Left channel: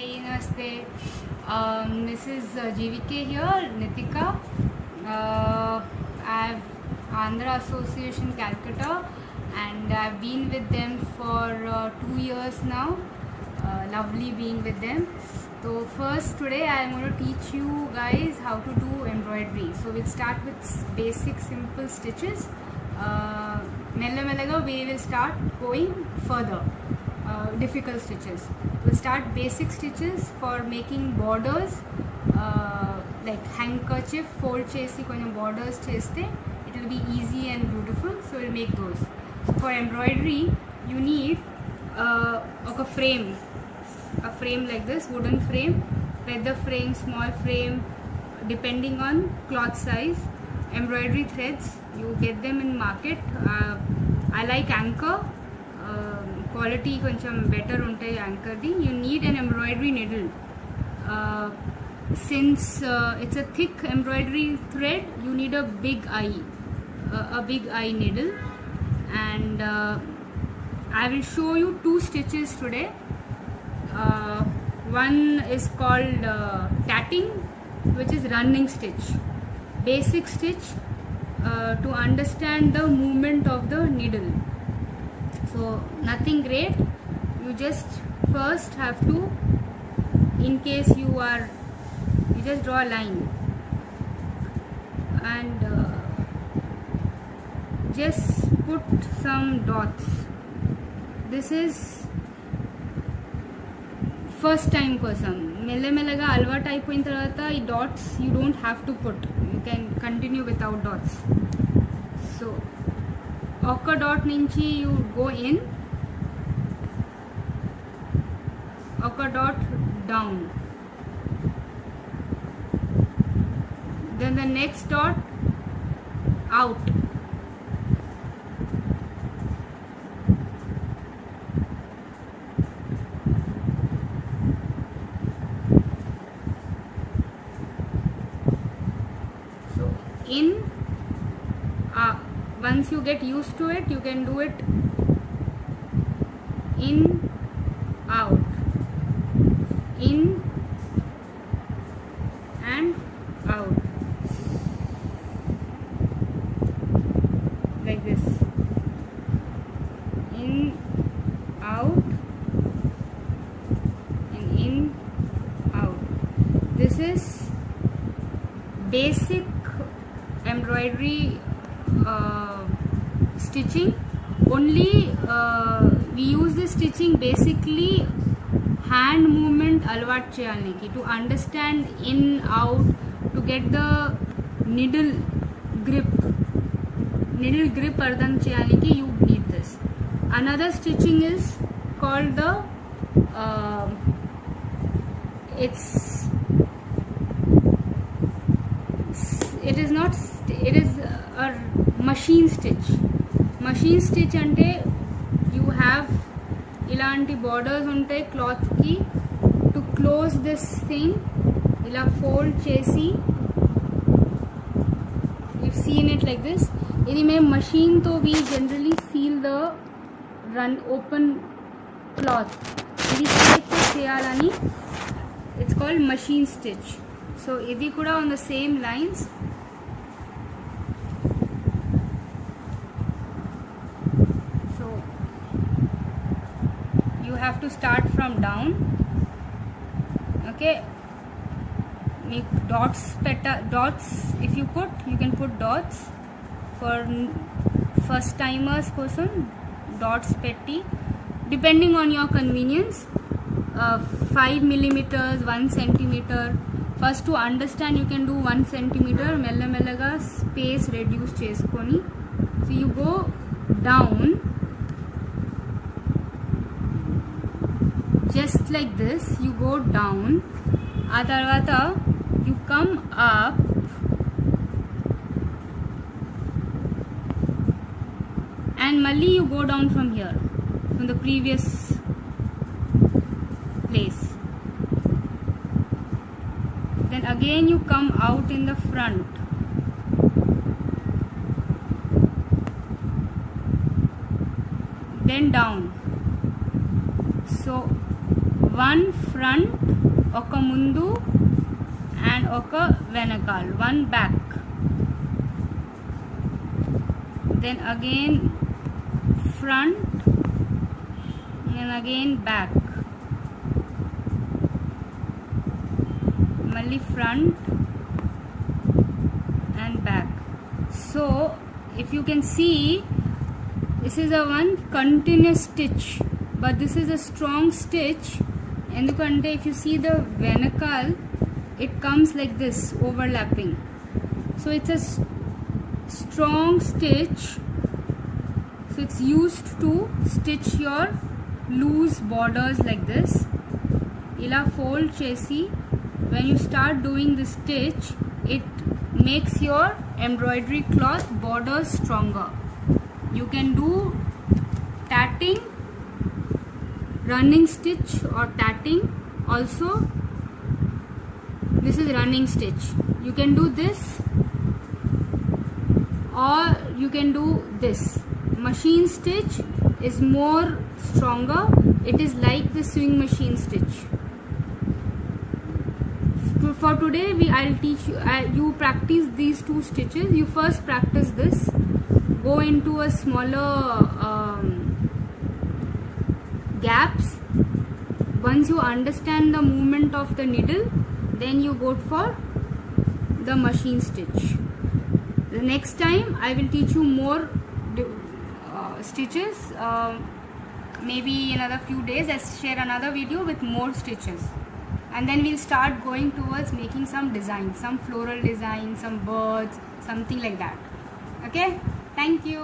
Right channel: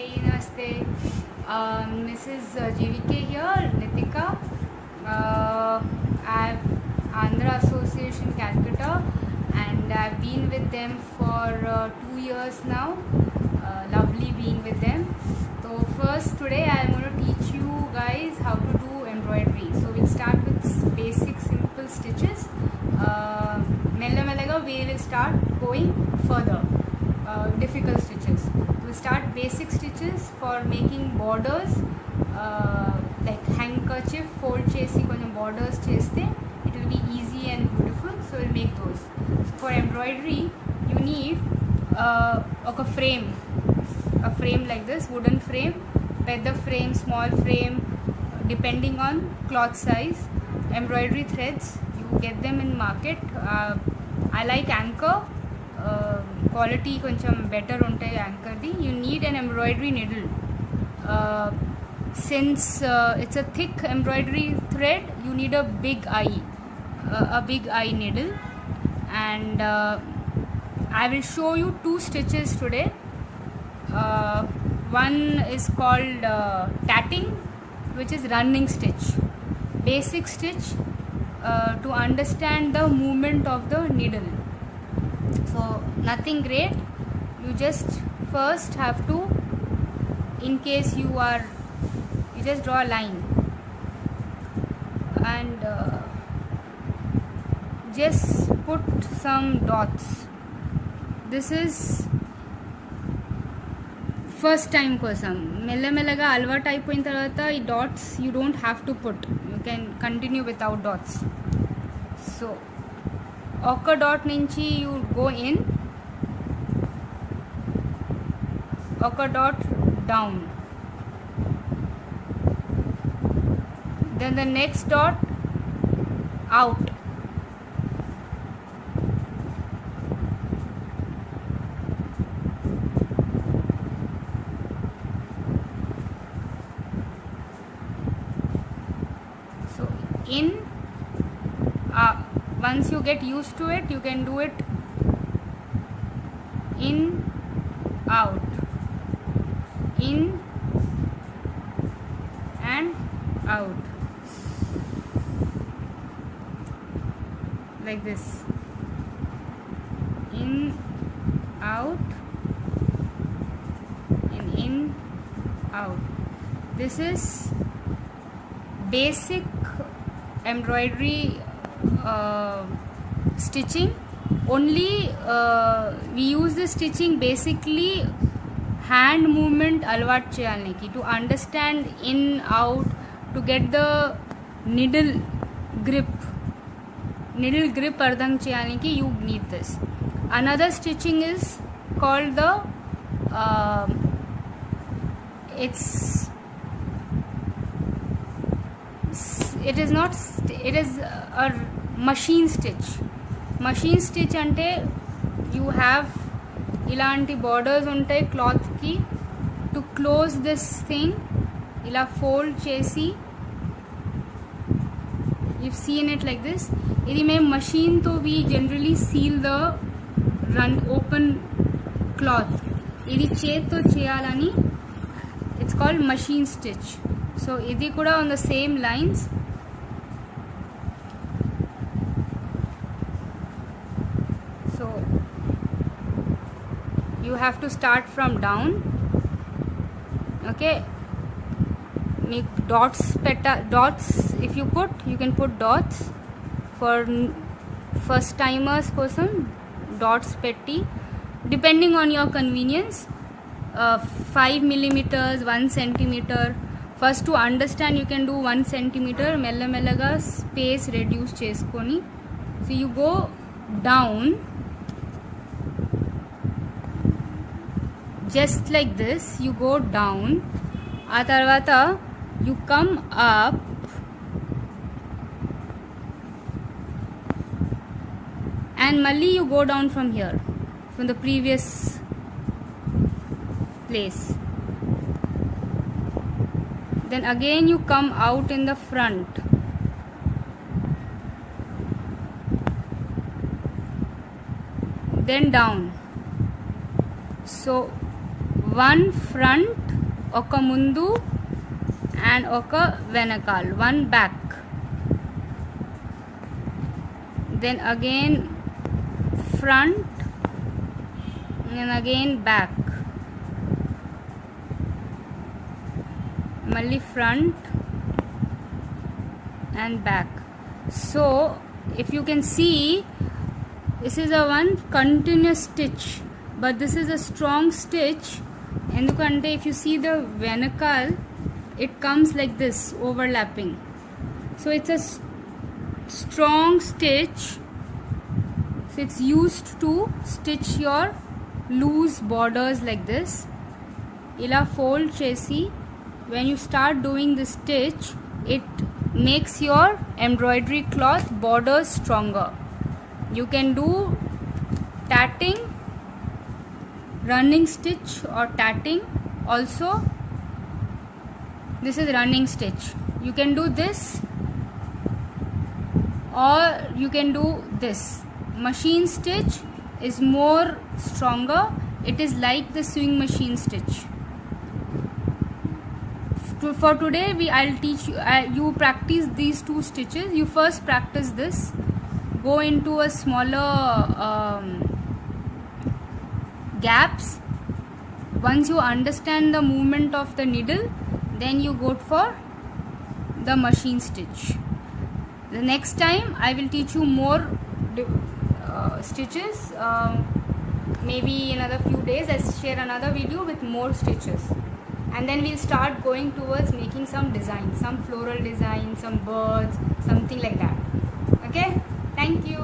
Hi, namaste. Mrs. GVK here, Nitika. I've Andhra Association Calcutta, and I've been with them for 2 years now. Lovely being with them. So first today I'm going to teach you guys how to do embroidery. So we'll start with basic simple stitches. Mella mellaga we will start going further. Difficult stitches. We'll start basic stitches for making borders, like handkerchief fold chesi konjam borders cheste it will be easy and beautiful, so we'll make those. So for embroidery you need a frame like this, wooden frame, feather frame, small frame, depending on cloth size. Embroidery threads you get them in market. I like Anchor. Quality కొంచెం better ఉంటాయి యాంకర్ది. You need an embroidery needle. Since it's a thick embroidery thread, you need a big eye needle, and I will show you 2 stitches today. One is called tatting, which is running stitch, basic stitch to understand the movement of the needle. So nothing great, you just first have to, in case you just draw a line and just put some dots. This is first time కోసం మెల్లమెల్లగా అలవాటు అయిపోయిన తర్వాత ఈ dots you don't have to put, you can continue without dots. So ఒక dot నుంచి you go in, ఒక dot down, then the next dot out, so in. Once you get used to it, you can do it in, out, in and out, like this, in, out, and in, out. This is basic embroidery stitching. Only we use this stitching basically hand movement alvat cheyalaniki, to understand in, out, to get the needle grip ardham cheyalaniki you need this. Another stitching is called the it is a machine stitch అంటే you have ఇలాంటి borders ఉంటాయి cloth కి, to close this thing ఇలా fold చేసి, you've seen it like this. ఇది మేము machine తో we generally seal the open cloth. ఇది చేతితో చేయాలని it's called machine stitch. So ఇది కూడా on the same lines. You have to start from down. Okay, make dots if you can put dots. For first timers kosam dots petti, depending on your convenience. 5 millimeters, 1 centimeter. First to understand you can do 1 centimeter. Mella mellaga space reduce cheskoni. So you go down just like this, you go down, ఆ తర్వాత you come up, and malli you go down from here, from the previous place, then again you come out in the front, then down. So one front oka mundu and oka venakal, one back, then again front and again back, malli front and back. So if you can see, this is a one continuous stitch, but this is a strong stitch. And if you see the venakal, it comes like this, overlapping. So it's a strong stitch. So it's used to stitch your loose borders like this. Ila fold chesi. When you start doing this stitch, it makes your embroidery cloth borders stronger. You can do tatting, running stitch or tatting also. This is running stitch. You can do this or you can do this. Machine stitch is more stronger. It is like the sewing machine stitch. For today, I'll teach you. You practice these two stitches. You first practice this. Go into a smaller gaps. Once you understand the movement of the needle, then you go for the machine stitch. The next time I will teach you more stitches. Maybe in another few days I'll share another video with more stitches, and then we'll start going towards making some designs, some floral design, some birds, something like that. Okay, thank you.